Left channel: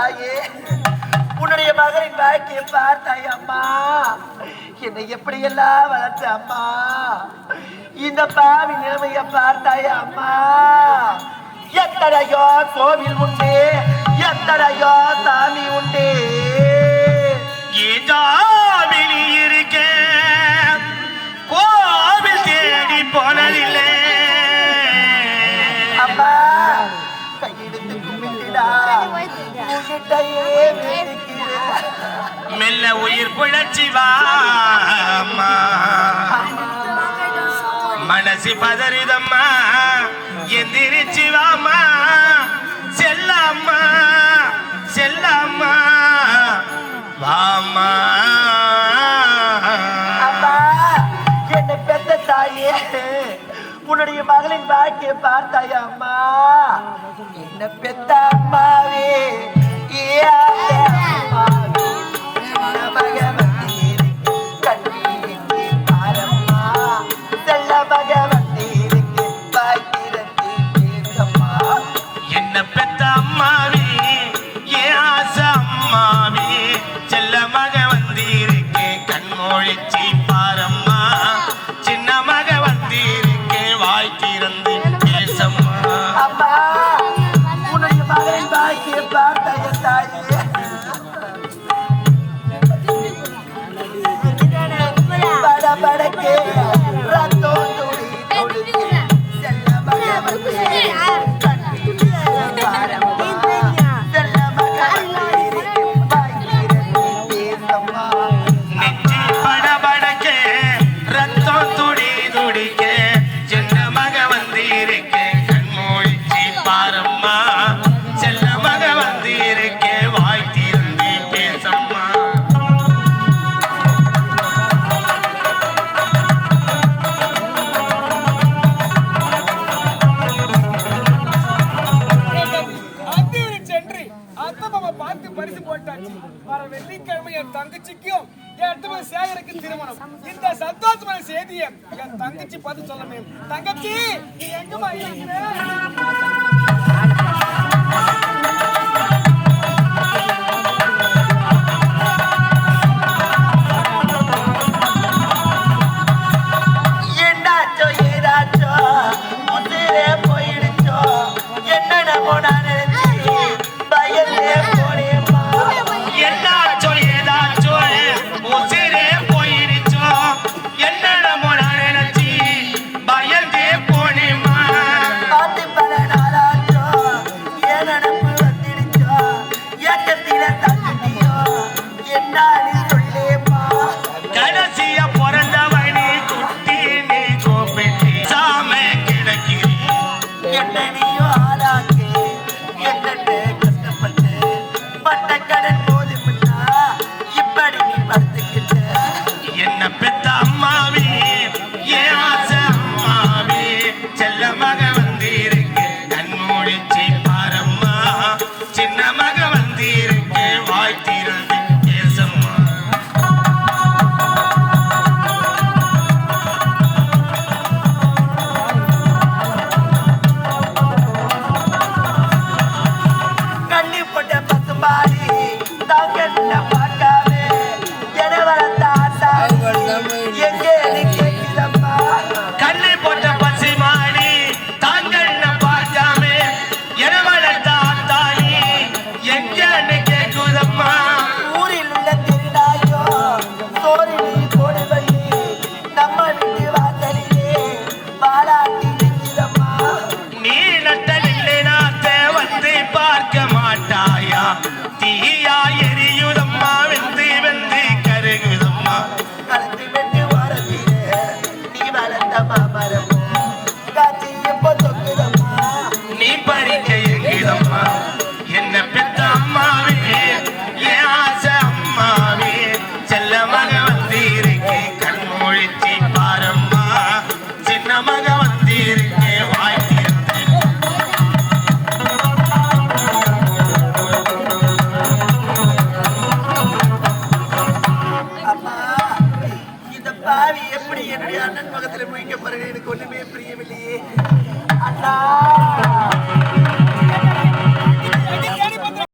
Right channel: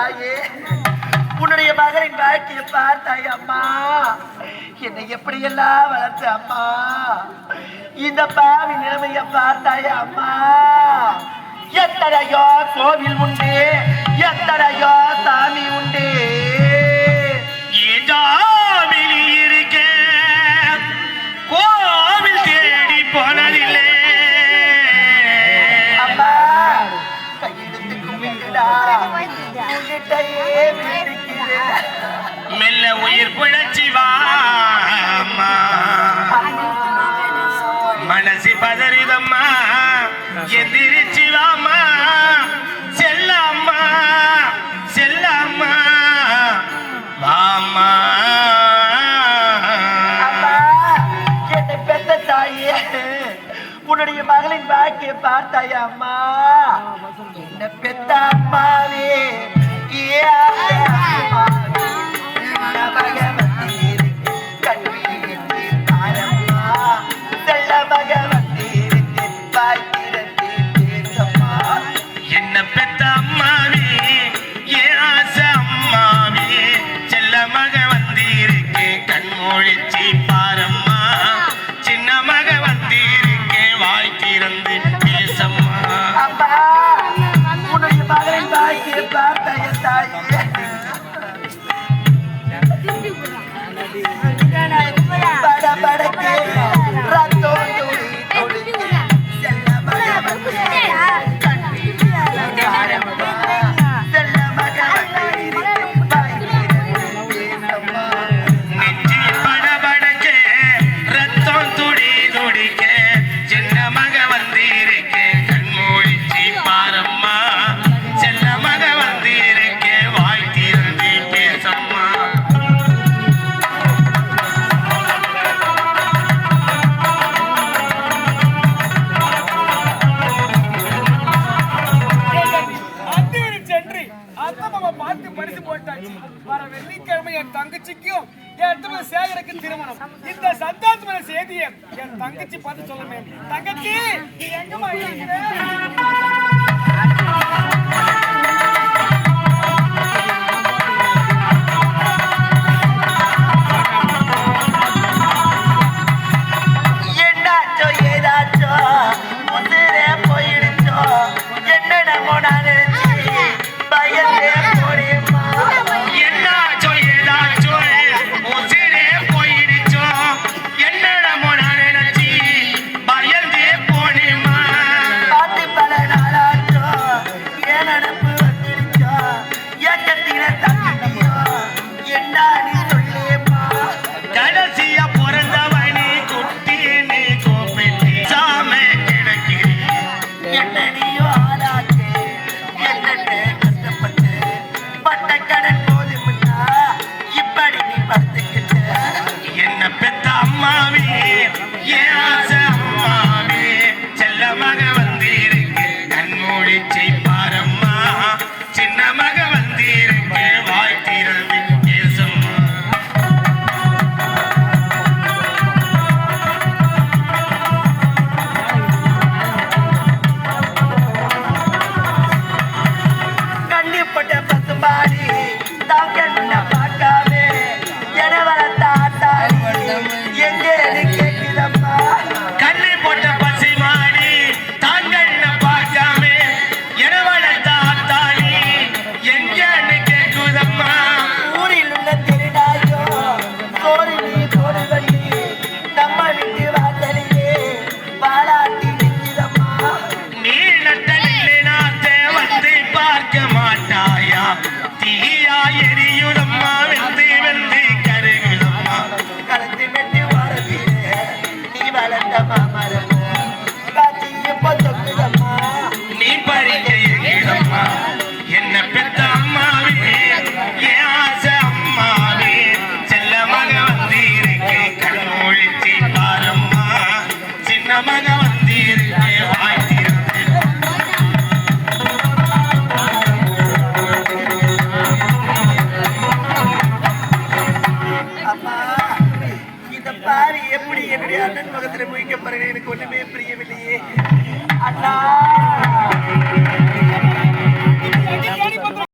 தாயே. உன்னுடைய மகனின் வாழ்க்கையை பார்த்தாய் அம்மா. என்னை எப்படியெல்லாம் வளர்த்த அம்மா. இந்த பாவி நிலைமைய பார்த்தாய் அம்மா. எத்தனையோ கோவில் உண்டு எத்தனையோ சாமி உண்டு. உன்கிட்டயே மெல்ல உயிர் புழச்சி வா அம்மா. அம்மா மனசு பதறுதம்மா எந்திரிச்சு வாமா செல்லம்மா செல்லம்மா. வாமா என்னை பெத்த தாயே உன்னுடைய மகளின் வாழ்க்கையை பார்த்தாயா அம்மா? என்ன பெத்த அம்மாவே Yeah. தங்கச்சிக்கும் என் சேகருக்கு திருமணம். இந்த சந்தோஷமான செய்தியை என் தங்கச்சி பார்த்து சொல்லுமே தங்கச்சி நீ எங்கம்மா இருக்கிற? Santa Barbara. நான் எப்படி என்னுடைய அண்ணன் முகத்தில் முயக்க பாருங்க எனக்கு ஒன்றுமே பிரியவில்லையே. அண்ணா!